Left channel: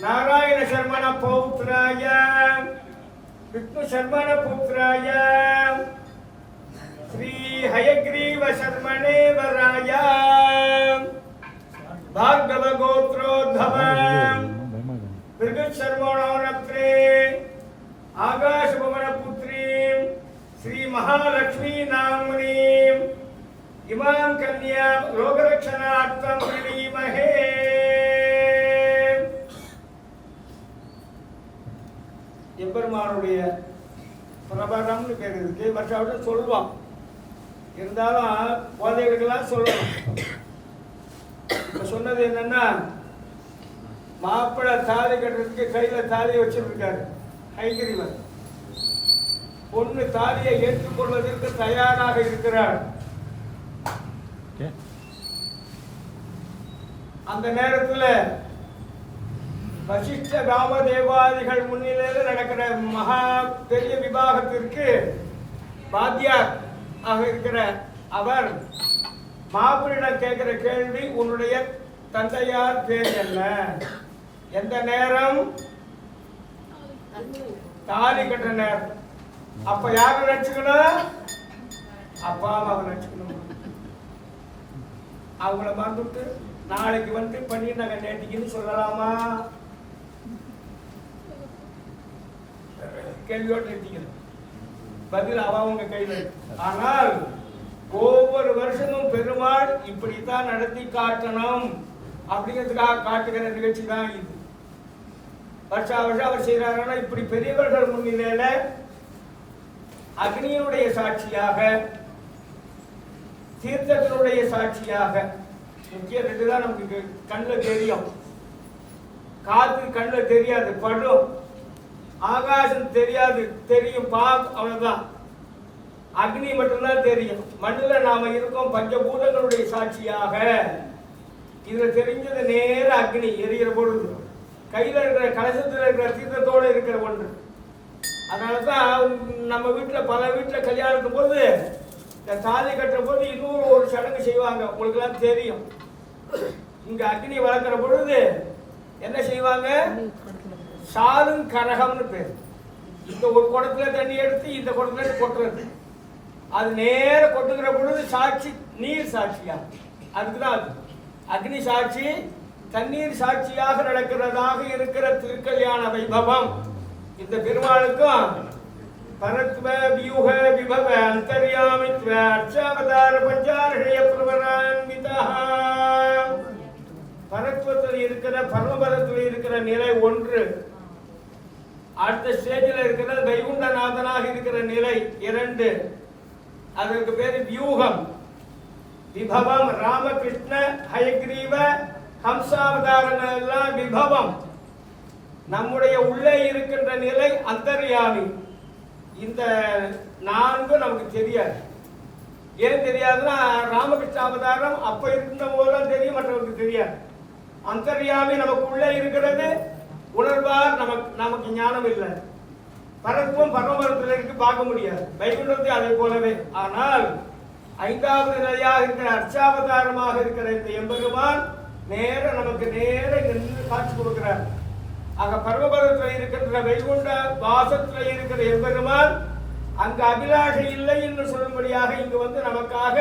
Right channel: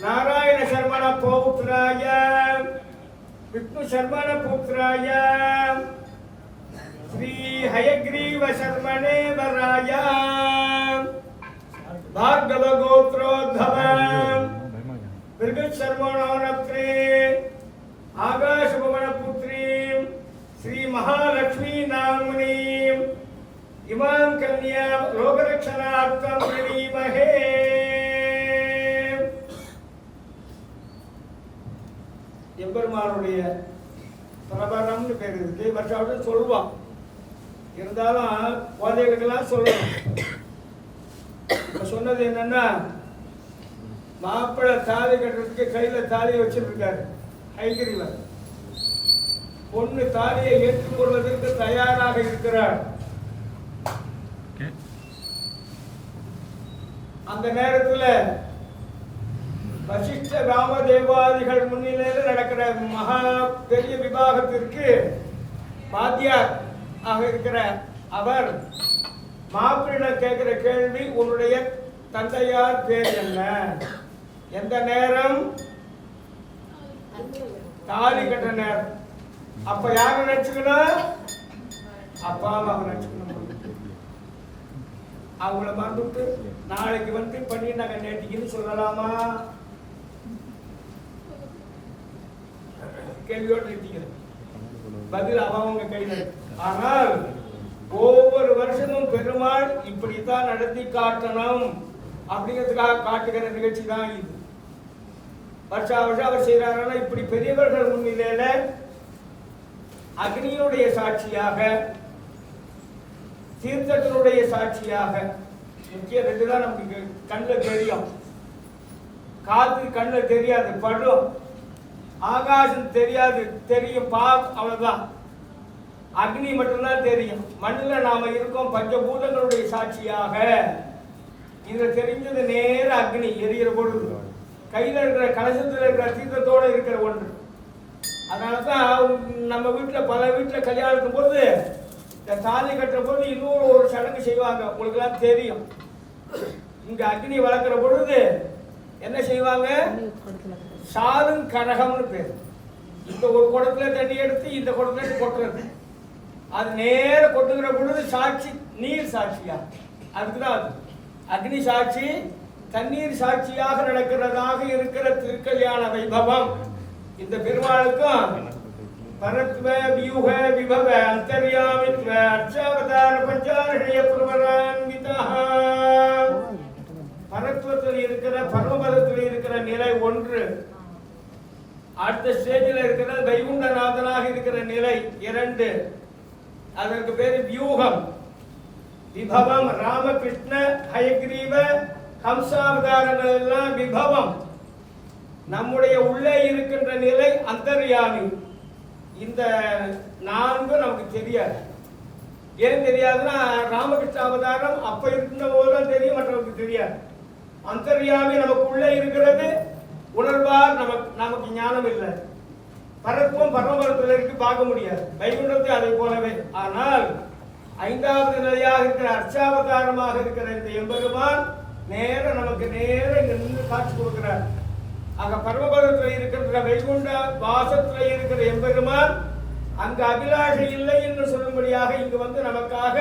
नारायण शर्मण पौत्राय विष्णु शर्मण पुत्राय श्री हयग्रीव शर्मणे वराय भार्गव गोत्रोद्भव मृग शर्मणोनप्रे आकाश भवन पुत्री श्री महालक्ष्मी नाम्नी इमां कन्या लोकरक्षणार्थं प्रणीमहे எம்பெருமானுடைய பிரபரம்னு பேர் இருக்கு. மற்றவர்கள் சொல்லுவான், இருந்தாலும் குழந்தைகளுக்கெல்லாம் சொல்லணும். இப்போ சொன்னது என்னன்னா, மாப்பிள்ளை தாலி கட்டுறதுக்கு கையில் தாலியை வச்சிருக்காரு ஹயக்ரீவர். பொண்ணு தாலியை ஏற்றுக்கொள்வதற்கு தயாராக இருக்கிறார். அந்த நேரத்தில் வசிஷ்ட ராமதேவாதிகள் முன்னிலையில் நடக்கிற மகா பெரிய விவாகத்திற்கு பாத்தியார் ஆக இருக்கிற அவர் மாப்பிள்ளையிடம் கேட்கிற கேள்வி, உன்னுடைய தந்தையார் பேர் என்ன? எந்த நேரம்? தாலி கட்டுற நேரம். அப்ப யாரை நினைச்சுக்கணும்? அப்பா அம்மாவை நினைச்சுக்கணும். அவங்கள மறந்துட்டு நாளைக்கு வந்து பண்ணி நாங்கள் நேட்டிக்குன்னு சொல்லலாமா? கேள்வியோடு நிறுத்திக்கிறேன். பதில் அவங்க கையில் இருக்கு. ஆனால் ஒவ்வொரு வருஷமும் பெருமாள் இப்படித்தான் நடத்தி காட்டணும் அப்படிங்கிறதுக்காக காட்டுகிற நிகழ்ச்சி தான் இது. வருஷா வருஷம் அவர் செய்யறாருன்னா இப்படி பெரியவர்கள் முன்னிலையில அக்னியினுடைய சாட்சியாக, தீர்த்தத்தினுடைய சாட்சியாக, முக்கிய ரெண்டு தான் நமக்கு கண்ணில் தெரியும். காத்து கண்ணில் தெரியாது, படும். ஆகாசம் தெரியாது, தெரியும் அவ்வளவுதான். அக்னி மட்டும்தான் தெரியும். மண்ணில் நாம இருக்கோம் பஞ்சபூதங்களுடைய சாட்சியாக. இதுல தெரிஞ்சது நேர அக்னி எரிகிற பொழுது கையில இருக்கிற கலசத்தில் இருக்கிற தீர்த்தத்தோடு இருக்கிற ஒன்று. அதனாலதான் நம்ம வீட்டில் பல வீட்டில் கல்யாணத்தும் போது இந்த தாலி கட்டுற போது இன்னொரு ஒரு சடங்கு செய்வாங்க. உங்களுக்கு எல்லாம் தெரியும். இங்க அக்னி வளர்க்கிற பொழுது என்ன செய்வாங்க? சாரும் கரகம்னு பேர். இந்த ஒரு குடத்துல தண்ணி எடுத்து இந்த குடத்துல கொட்டுறது. அது நேர கொட்டுகிற பொழுது சாட்சி நீர் சாட்சியா. அதுக்குதான் அது அக்னி சாட்சி. தண்ணீர் சாட்சியாக நடக்கிறதாக இருக்கிற திருக்கல்யாண வைபவம் இந்த பெருமாளுக்கும் பரத்வ வியூக விபவ அந்தர்யாமித்வ அர்ச்சாவதார பஞ்சாரஹய பிரவரான்விதா. பரத்வத்தில் இருக்கிற பரமபதத்தில் இருக்கிற நிலை ஒன்று. அடுத்த ஸ்டேஜில் இருக்கிற வைகுண்டநாதனாக இருக்கிற நிலை 2. அதற்கு பேர் வியூகம். விபவம். ராமகிருஷ்ண ஹயக்ரீவ ஹம்சாவதாரங்கள் எல்லாம் விபவம். நம்முடைய உள்ளே இருக்கின்ற நிலை அந்தர்யாமி. இந்த 4 நமக்கு தெரியாது. ஏன் தெரியாதுன்னா ராமகிருஷ்ண அவதாரம் அப்ப இருந்த போதுதான் தெரியும், மற்றவருக்கு தெரியாது. அந்தர்யாமி நமக்குள்ளே இருக்கிறது, உணர்வார் நமக்கு ஞானம் இல்லை. பரத்துவம் பரமபரத்தில் இருக்கு, பார்க்க முடியாது. வைகுண்டத்தை அதை போலவே. ஆனால் 5வது நிலையாக இருக்கிற அர்ச்சாவதாரமாக இருக்கிற இந்த எம்பெருமான் நமக்கு நேர நின்று காட்சி கொடுக்கிறார். ஆக பரமபதத்தில் இருக்கின்ற வைகுண்ட வாசத்தில் இருக்கிற எம்பெருமான் அங்கு அபிலாஷை இல்லை என்று சொல்லும்படியாக இங்கு வந்து நமக்காக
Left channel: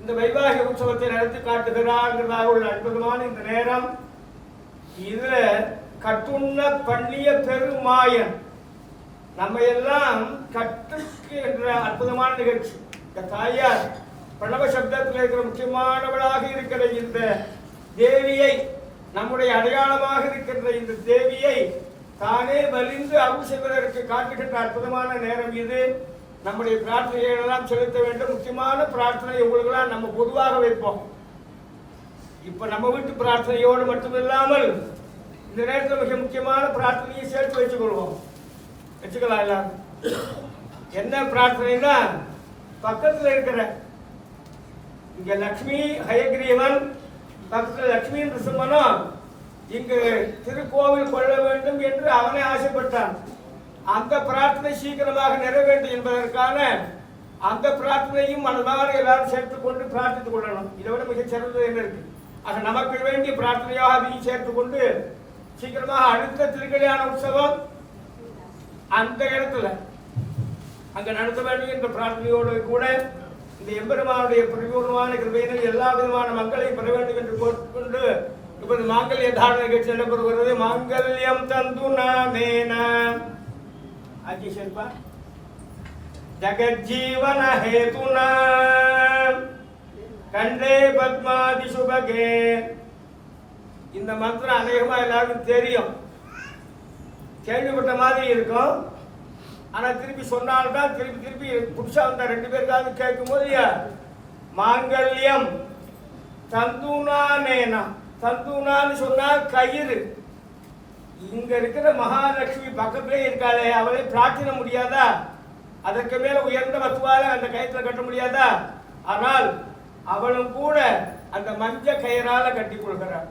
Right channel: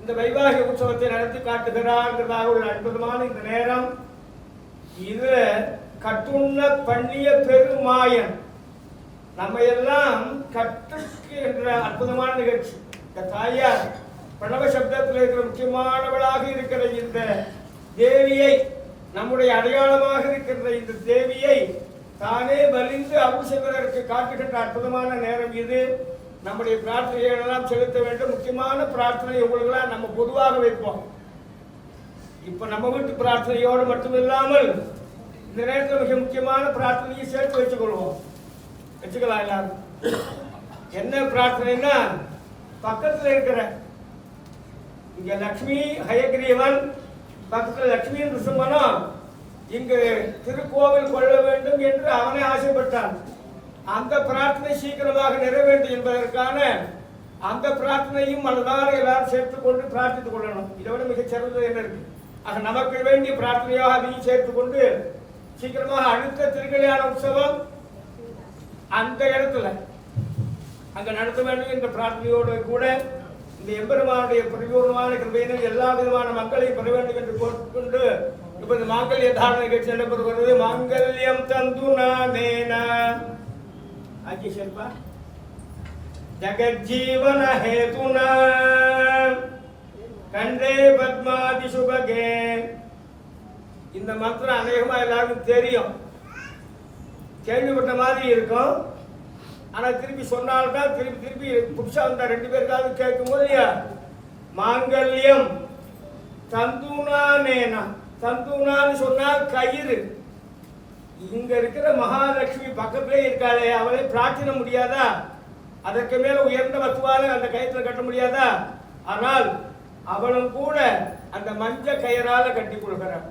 இந்த வைவாகிக உற்சவத்தை நடத்தி காட்டுகிறார்கிறதாக உள்ள அற்புதமான இந்த நேரம். இது கட்டுண்ண பண்ணிய பெருமாயன் நம்ம எல்லாம் கற்றுக்கு என்ற அற்புதமான நிகழ்ச்சி. இந்த தாயார் பிரணவ சப்தத்தில் இருக்கிற முக்கியமானவளாக இருக்கிற இந்த தேவியை, நம்முடைய அடையாளமாக இருக்கின்ற இந்த தேவியை தானே வலிந்து அருள் செய்வதற்கு காட்டுகின்ற அற்புதமான நேரம் இது. நம்முடைய பிரார்த்தனைகளை எல்லாம் செலுத்த வேண்டும். முக்கியமான பிரார்த்தனை உங்களுக்கெல்லாம் நம்ம பொதுவாக வைப்போம். இப்ப நம்ம வீட்டு பிரார்த்தனையோடு மட்டுமில்லாமல் இந்த நேரத்தில் மிக முக்கியமான பிரார்த்தனையை சேர்த்து வச்சுக்கலாம் எல்லாரும். என்ன பிரார்த்தனைனா, பக்கத்தில் இருக்கிற இங்க லக்ஷ்மி ஹயக்ரீவன், பக்கத்தில் லட்சுமி நிருசிம்மனும் இங்கு திருக்கோவில் கொள்ள வேண்டும் என்று அவனே ஆசைப்பட்டான். அந்த பிரார்த்தனை சீக்கிரமாக நிறைவேற்று என்பதற்கான அந்த பிரார்த்தனையும் மனதார எல்லாரும் சேர்த்துக் கொண்டு பிரார்த்தித்துக் கொள்ளணும். இதை விட மிகச் சிறந்தது என்ன இருக்கு? ஆக நமக்கு வேண்டிய பிரார்த்தனையாக அதையும் சேர்த்துக் கொண்டு சீக்கிரமாக அடுத்த திருக்கல்யாண உற்சவம் அந்த இடத்துல அங்க நடத்த வேண்டும் என்ற பிரார்த்தனையோடு கூட இந்த எம்பெருமானுடைய பரிபூர்ணமான கிருபையினால் எல்லா விதமான மக்களையும் பெற வேண்டும் என்று கோரிக்கொண்டு இப்போது மாங்கல்ய தாரண நிகழ்ச்சி நடைபெறுகிறது. மாங்கல்யம் தந்து நானேன ஆகிஷேப்பா ஜகஜீவன ஹேதுனா கண்டே பத்மாதி சுபகே. இந்த மந்திரம் அநேகமா எல்லாருக்கும் தெரியும், கேள்விப்பட்ட மாதிரி இருக்கும். ஆனா திருப்பி சொன்னால்தான் திருப்பி புதுசா வந்த 2 பேருக்காவது கேட்கும் போது மாங்கல்யம் தந்துனானேனா, தந்துனான்னு சொன்னா கயிறு. இங்க இருக்கிற மகாலட்சுமி பக்கத்திலே இருக்காளே, அவளை பிரார்த்தனை முடியாதா? அதற்கு மேல உயர்ந்த வத்துவால அந்த கயிற்றுல கட்ட முடியாதா? ஆனால் அவளும் கூட அந்த மஞ்ச கயிறால கட்டி கொள்கிறார்.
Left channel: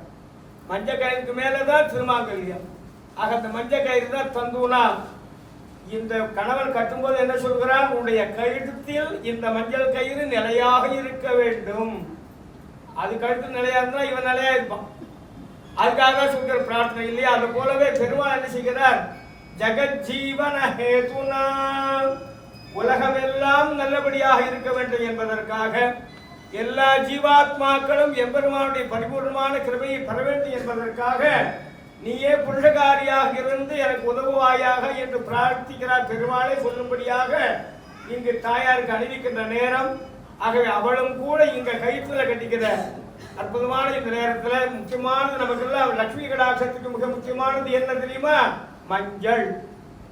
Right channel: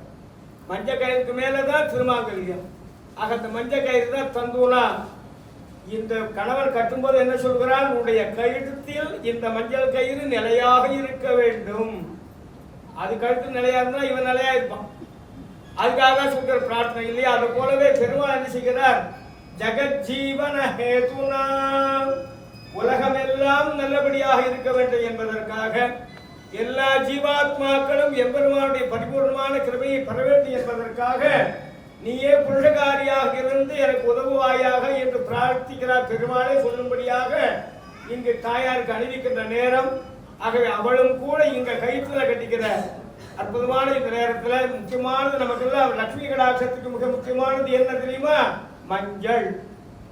மஞ்ச கயிறுக்கு மேலதான் திருமாங்கல்யம். ஆக அந்த மஞ்ச கயிறு தான் தந்துனா. இந்த கணவன் கட்டும்போது என்ன சொல்கிறான்? உன்னுடைய கழுத்தில் இந்த மஞ்சள் கயிறு நிலையாக இருக்க வேண்டும். அது கழுத்து நிலையா இருந்தா இவன் நிலையா இருப்பான். அதுக்காக சொல்கிற பிரார்த்தனை இல்லையா? அது போலவே பெருமாள் என்ன செய்கிறார்? ஜகஜீவன ஹேதுனா, உலகம் எல்லாம் நல்லபடியாக இருக்க வேண்டும் என்பதற்காக, எல்லா ஜீவாத்மாக்களும் எம்பெருமானுடைய பரிபூர்ணமான கிருபையை பெற வேண்டும் என்பதற்காக நீயே புருஷகாரியாக இருந்து எனக்கு உதவுவாயாக என்று பிரார்த்திக்கிறார் பெருமாளை சொல்லும்படியாக இங்கு தாயாருக்கு அணிவிக்கின்ற நேரம். ஆகவே அவளும் கூட இங்க கயிற்றுல கட்டிக்கிற அற்புதமான இந்த நேரத்தில் முக்கியமானது நமக்கு எல்லாம் லட்சுமி கடாட்சத்துக்கு மிக முக்கியமானது என்ன தெரியுமா? மஞ்சள்.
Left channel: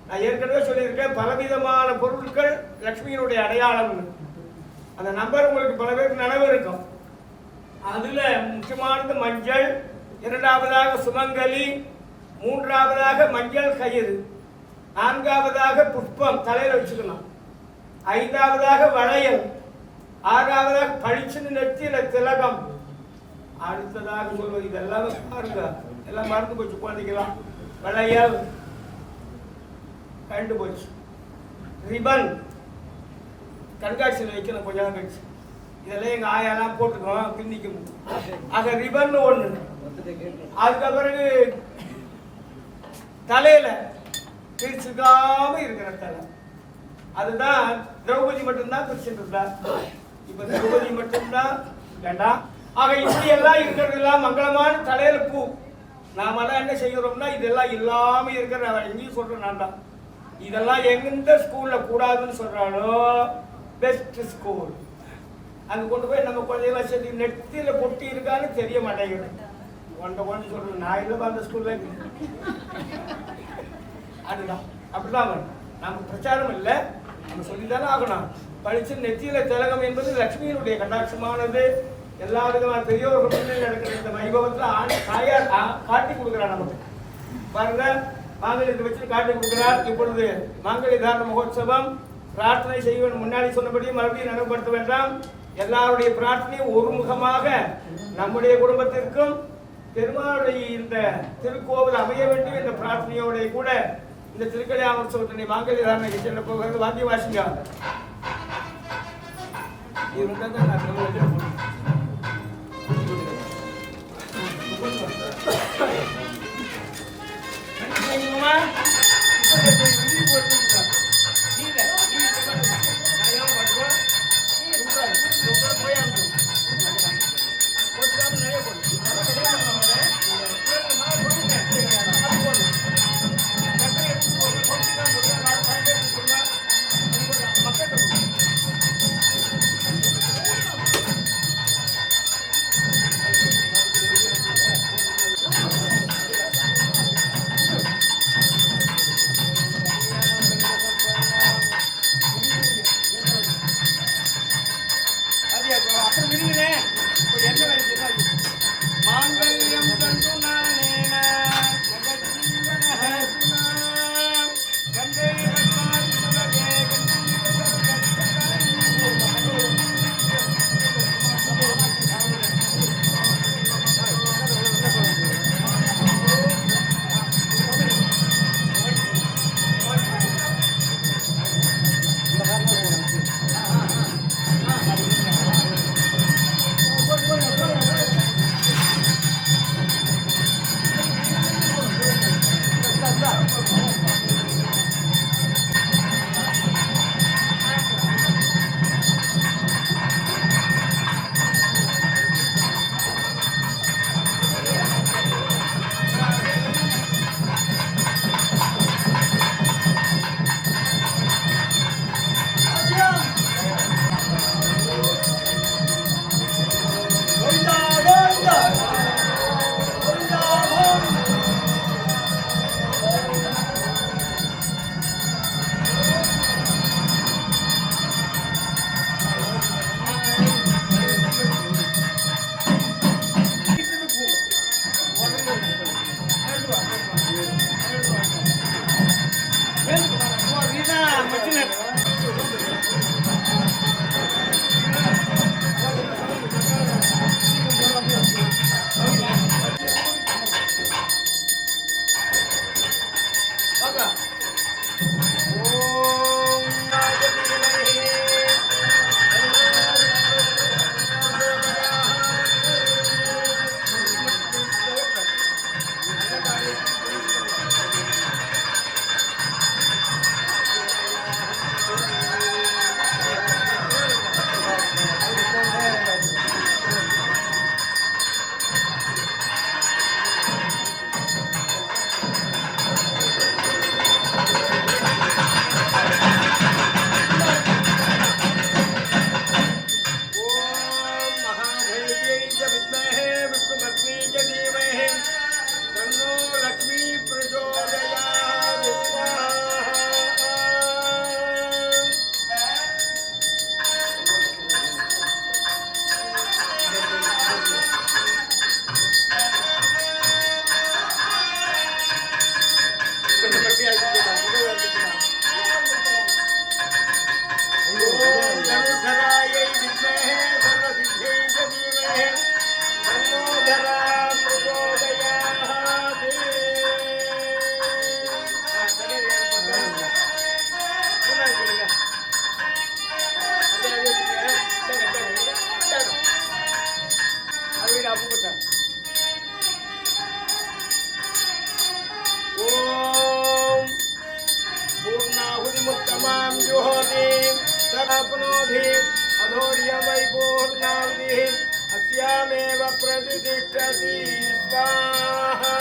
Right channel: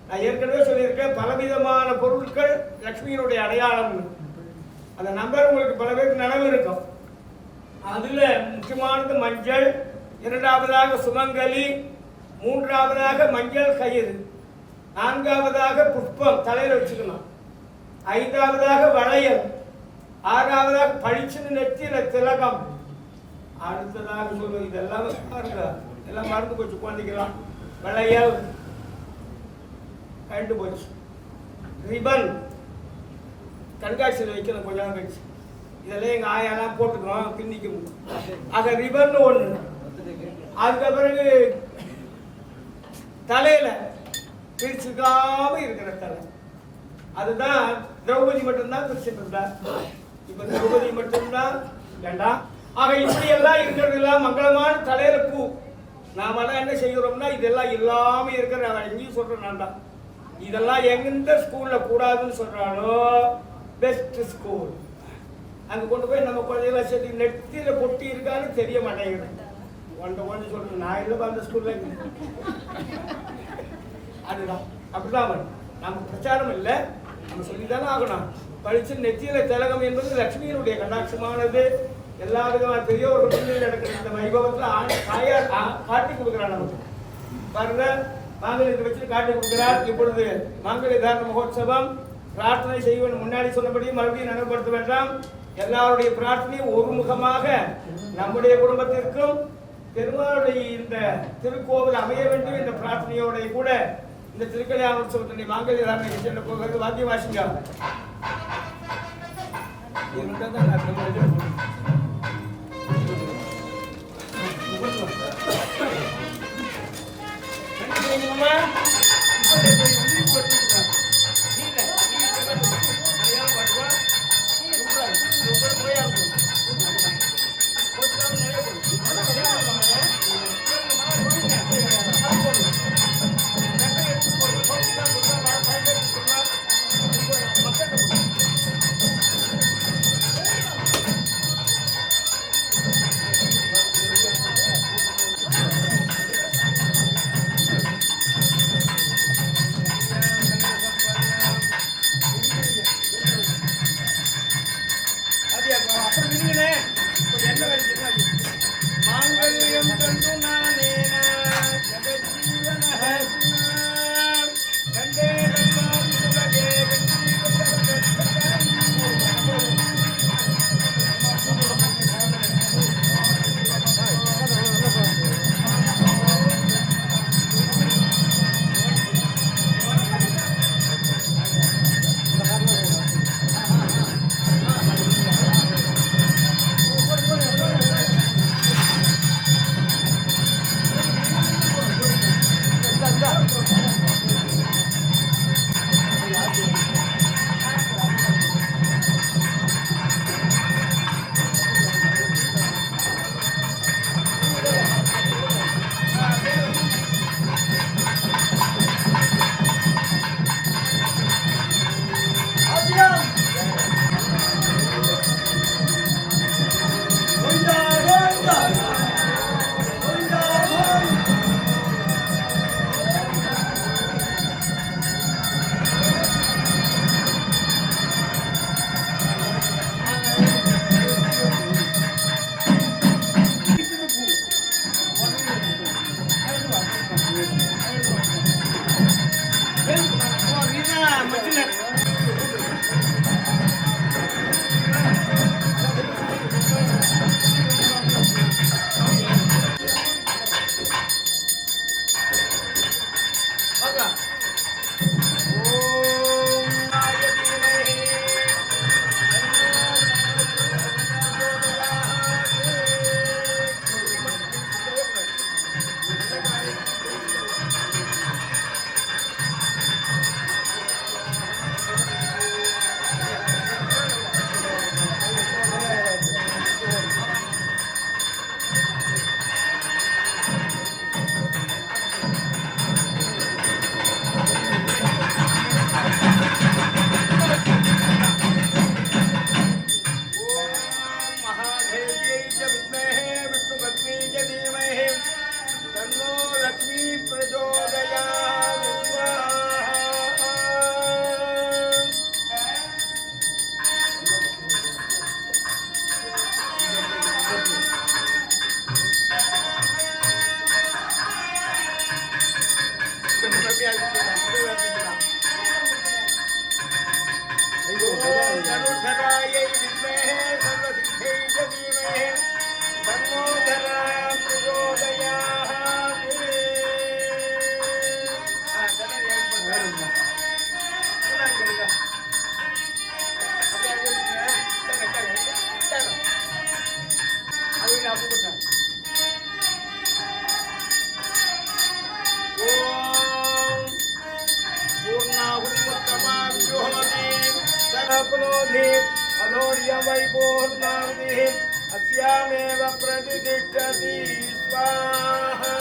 நான் ஏற்கனவே சொல்லியிருக்கேன், பலவிதமான பொருட்கள் லட்சுமியினுடைய அடையாளம். அந்த நம்பர் உங்களுக்கு பல பேருக்கு நினைவு இருக்கும். அதுல முக்கியமானது மஞ்சள், 2வதாக சுமங்கலி, 3வதாக மஞ்சள் கயிறு, 4வதாக புஷ்பம் தலையில வச்சுக்கணும், 5வதாக வளையல், 6வதாக பளிச்சுன்னு நெத்தியில திலகம். அடுத்ததாக சொல்வது இதெல்லாம் பாருங்க, எல்லாம் மறந்து போச்சு குழந்தைக்கலாம். வளையல் கண்டு போச்சு. ரிபன் கண்காட்சியில் வைக்கணும் கொஞ்ச நாள் கழிச்சு. இதெல்லாம் எங்க ஆயாலாம் போட்டுக்கோம் பின்னிக்கும். ஆக ரிபன் ஒண்ணு. அதுக்கு பிறகு தலையில பிரிச்சுக்காம இருக்கிற தலை, அதுதான் திரௌபதி மட்டும்தான் பிரிச்சுட்டு இருந்தா. இப்ப திரௌபதி மட்டும்தான் வேண்டாம். ஆக இப்படி எல்லாம் இருக்கிறது எல்லாம் மங்களமான தலையில பூ. நாமெல்லாம் என்ன செய்கிறோம்னா இதெல்லாம் இல்லாம இருக்கிற எங்கேயும் சொல்றேன் நான் தான். இதெல்லாம் எந்த ஸ்கூல்ல கூடாதுன்னு சொல்றானோ பெஸ்ட் ஸ்கூல் அங்க கொண்டு போய் நம்ம குழந்தைகளை சேர்த்து நெத்தியில பொட்டி இருக்கான்னு தெரிய மாட்டேங்கிறேன். ஒன்றை சொல்றேன் நான் இல்லப்பா அந்த ஸ்கூல்ல. அதுதான் அப்படிதான் வரும். நம்ம பிரச்சாரம் இல்லை, நம்ம சொல்லித்தானே ஆகணும். பழிச்சு நெத்தியில திலகம் என்பது லட்சுமியினுடைய கட்டாட்சமானது. எல்லா விதமான பெரியவர்கள் முன்னிலையில் நடக்கிற இந்த வைபவத்தில் தாயார் காட்டி கொடுக்கிறார் நமக்கு. பாருங்க, மாங்கல்யத்தை வச்சு காட்டி கொடுக்கிறார். இப்பொழுது மாங்கல்ய தாரண மகோத்சவம் பிரார்த்தனை செய்வன் முன்னாடி சொன்னபடியும் மறுபடியும் நினைவுபடுத்த வேண்டாம். எல்லாருடைய பிரார்த்தனையும் ஒருமுகமாக நம்முடைய குடும்பத்திற்கும் பெருமாளுடைய இந்த திருக்கோவில் அமைய வேண்டும் என்ற பிரார்த்தனையோட கூட இந்த திருக்கல்யாண உற்சவத்தினுடைய மாங்கல்ய தாரணை செல்ல போகிறது. வாத்திய வாசிங்க. अस्यामेव प्रतिष्ठति स्वाहा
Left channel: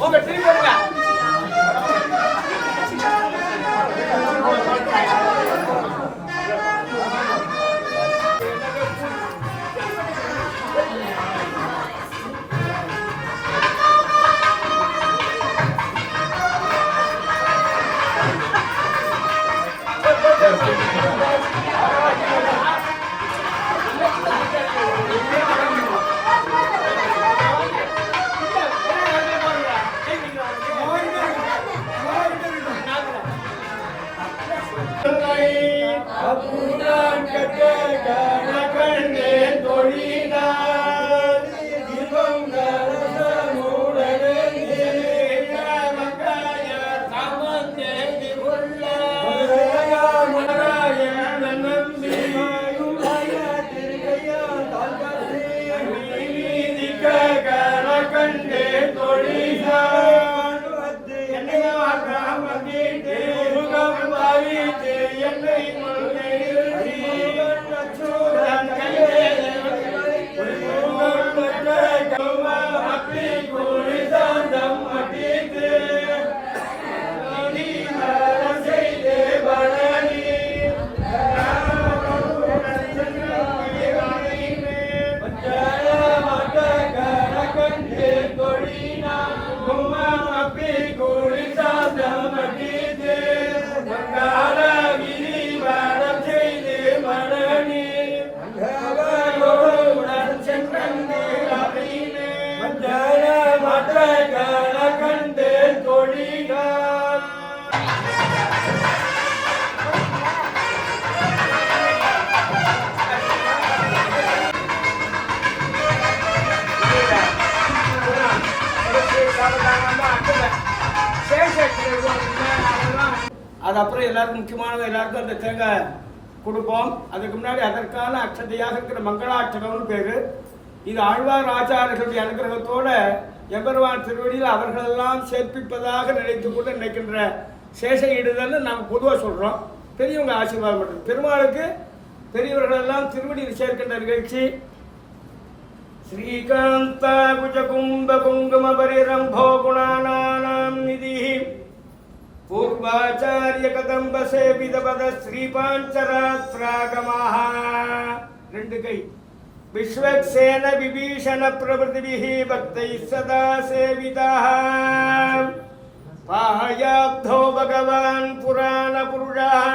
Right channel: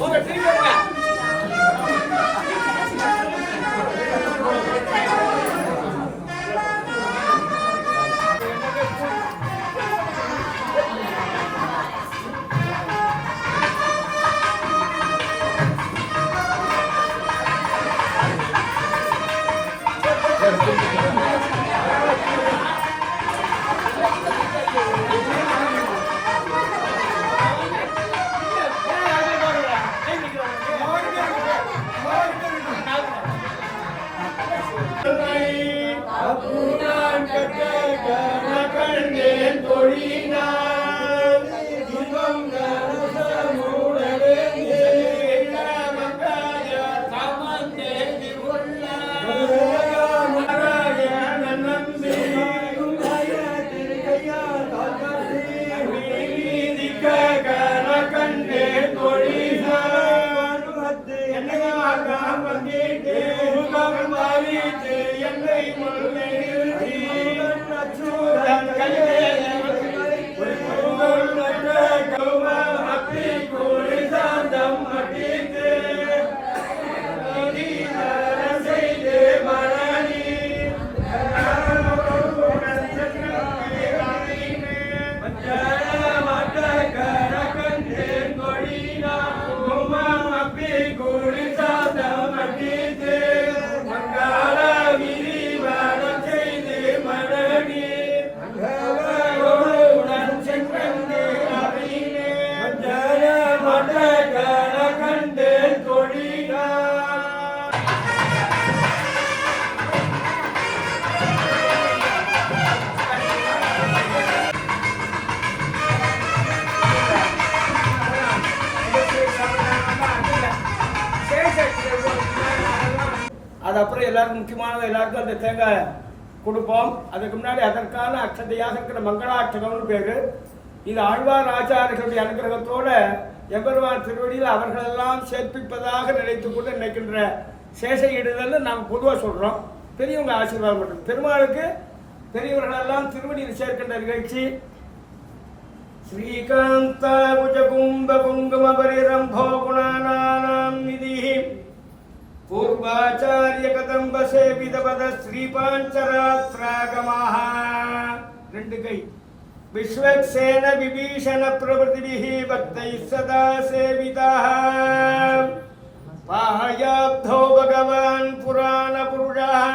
போங்க திரும்பி போங்க. அது அப்புறம் எல்லாருக்கும் முக்கியமானது, எல்லாருக்கும் அந்த தேங்காய் கொடுப்போம். அதுக்கு முன்னாடி அதற்கான அக்ஷதையாக இருக்கிற மங்களாட்சகம்னு பேரு. இது ஆழ்வார் ஆச்சாரர்களுடைய அனுகிரகத்தோட எம்பெருமான் திருவடியில் அவர்களெல்லாம் சேர்ப்பிப்பதாக நினைத்து கொண்டு நினைக்கின்ற சேஷ ஈடுதல்னு நாம் பொதுவாக சொல்கிறோம். பெரியவங்க ஆசீர்வாதம் பண்ணுறது பெருமாளுக்கு பெரியவர்களெல்லாம் திருவடியில் சேர்க்கின்ற நிகழ்ச்சி. ஸ்ரீகாந்த குஜகும்ப குங்கும பரிரம்போ குணானாம் நிதி பூர்வாச்சாரிய கதம்ப சேவித பத ஸ்ரீபாஞ்சராத்ராகமாக. ரெண்டு கை விஸ்வக்சேன விபீஷண பிரபதிபிஹி பக்தை சதா சேவிதः. பாயாப்தோ பகவான் புராண புருஷः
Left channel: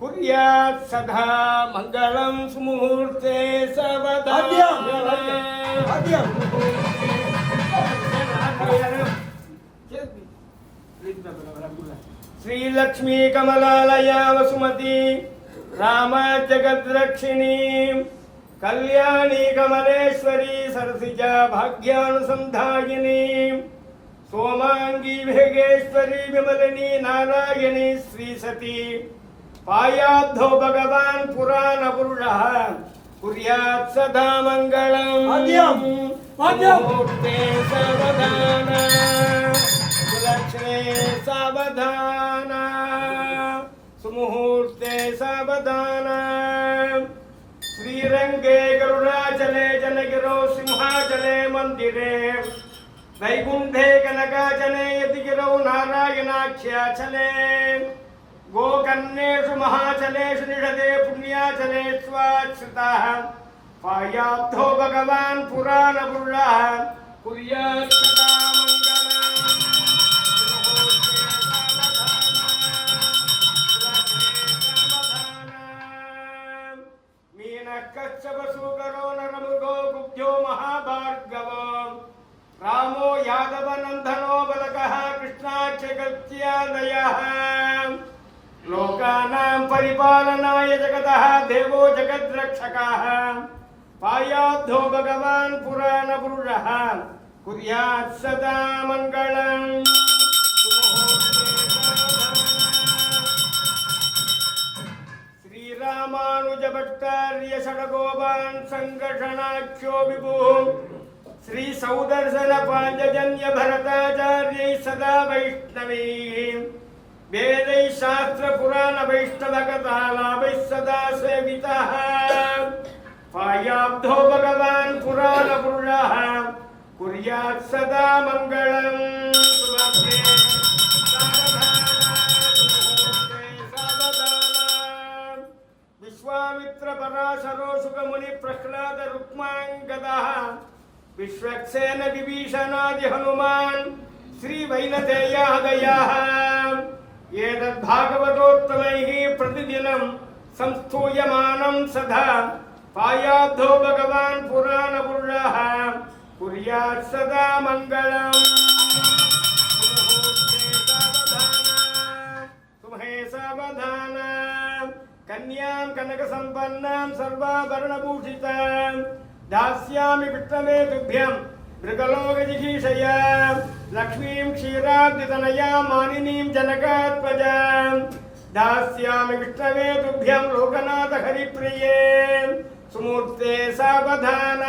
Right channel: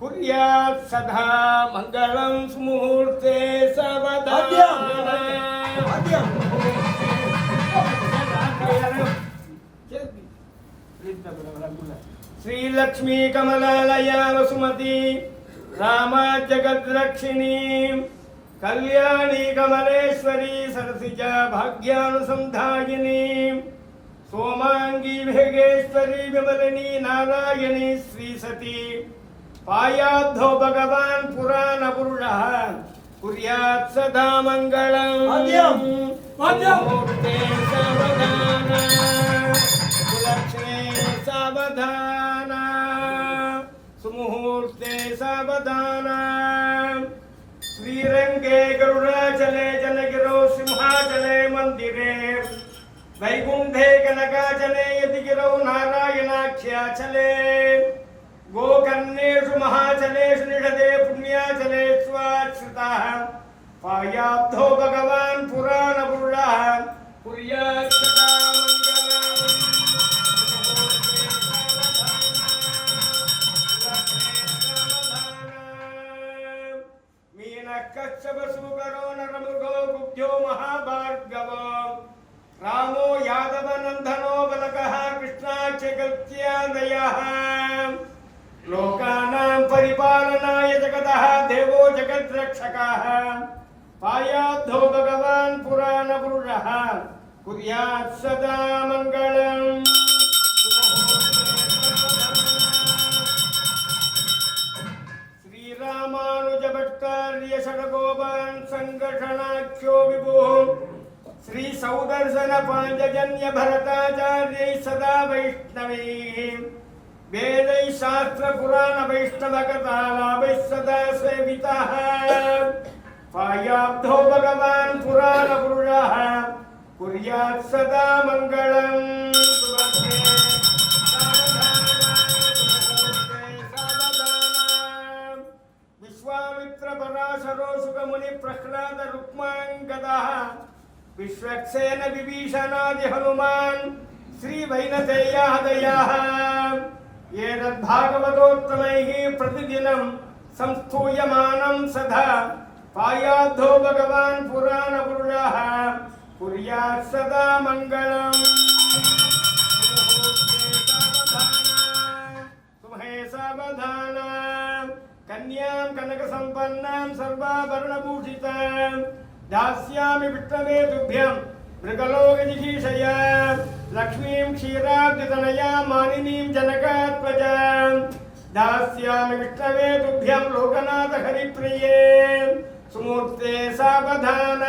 குர்யாத் சதா மங்களம் சுமுஹூர்த்தே சவதானம். श्रीलक्ष्मी कमलालया वसुमती रामा जगद्रक्षिणी कल्याणी कमलेश्वरी सरसिजा भाग्यानुसंधायिनी सोमांगी भेगेश्वरी विमलिनी नारायणी श्रीसती. पायाब्धो भगवान् पुराण पुरुषः कुर्यात् सदा मङ्गलम्. मुहूर्ते सावधान लक्ष्मी सावधान सुमुहूर्ते सावधान. श्रीरंगे गरुडाचले जनगिरौ सिंहाचले मंदिरे वैकुंठे कनकाचले यतिगिरौ नारायणाख्याचले गोकर्णेषु महाचलेषु निषदे पुण्याचले स्वाश्रिताः. पायाब्धो भगवान् पुराण पुरुषः कुर्यात् सदा मङ्गलम्. कच्छपसूकरो नरमृगो गुब्जो महाभार्गवो रामो यादवनन्दनो बलकः कृष्णाक्षगत्यादयः. लोकानां परिपालनाय जगतः देवो जगद्रक्षकः. पायाब्धो भगवान् पुराणपुरुषः कुर्यात् सदा मङ्गलम्. रामानुजभट्टार्य षडगोपान् संघर्षणाख्यो विभुः श्री सौदर्शन पांचजन्य भरताचार्यै सदा वैष्णवीं वेदैः शास्त्र पुराण वैष्णव कथालाभैः सदा सेवितः. पायाब्धो भगवान् पुराण पुरुषः कुर्यात् सदा मङ्गलम् सुभगे सावधान विश्वामित्र पराशरो सुखमुनि प्रह्लाद रुक्माङ्गदः विश्वक्सेन विभीषणादि हनुमान् श्री वैनतेयादयः एतद्भागवतोत्तमैः प्रतिदिनं संस्तूयमानं सदा पायाब्धो भगवान् पुराणपुरुषः कुर्यात् सदा मङ्गलम् तुम्हे सावधान कन्यां कनकसम्पन्नां सर्वाभरणभूषितां दास्यामि विष्णवे तुभ्यं मृगलोकजिगीषया लक्ष्मीं क्षीराब्धितनयां मानिनीं जनकात्मजां दास्यामि विष्णवे तुभ्यं लोकनाथ हरिप्रिये सुमूर्ते सावधान